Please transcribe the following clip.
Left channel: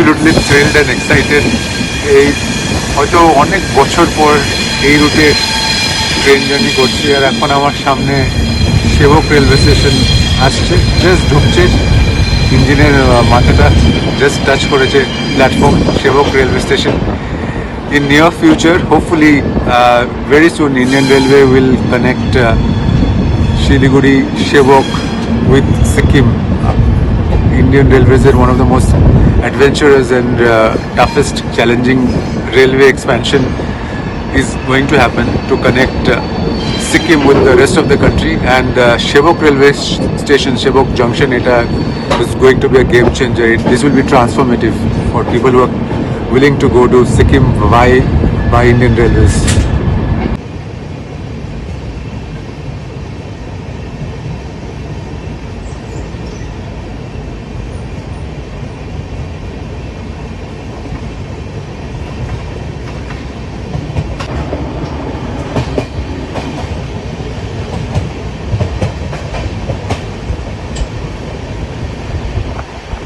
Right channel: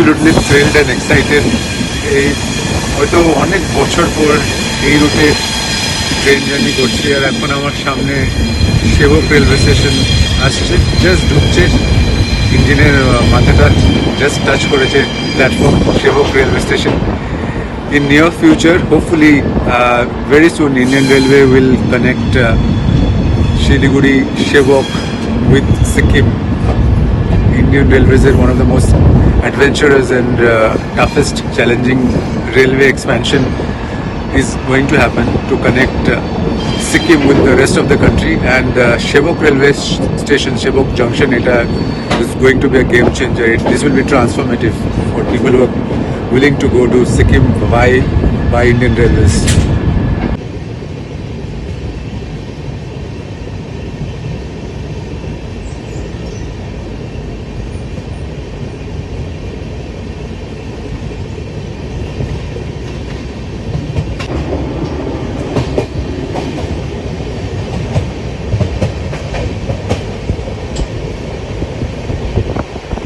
absolutely thrilled and excited. এই হয়তো অনেক বছর পর এই রুটে ট্রেন জার্নি করছি, আর এখন আমার সামনে সেবক রেলওয়ে স্টেশন আসছে, জাস্ট ঢুকছে, ইঞ্জিনের মাথাটা জাস্ট টাচ করেছে প্ল্যাটফর্ম, সেবক railway station. In near future, hopefully, very soon, Indian Railway will connect Siliguri, Shevok with Sikkim. Indian Railways are one of the most adventurous and toughest, challenging railway expansion is going to happen to connect Sikkim with the rest of the country, and Shevok Railway Station, Shevok Junction, is going to be a game changer. This will be transformative for people who are willing to go to Sikkim by Indian Railways.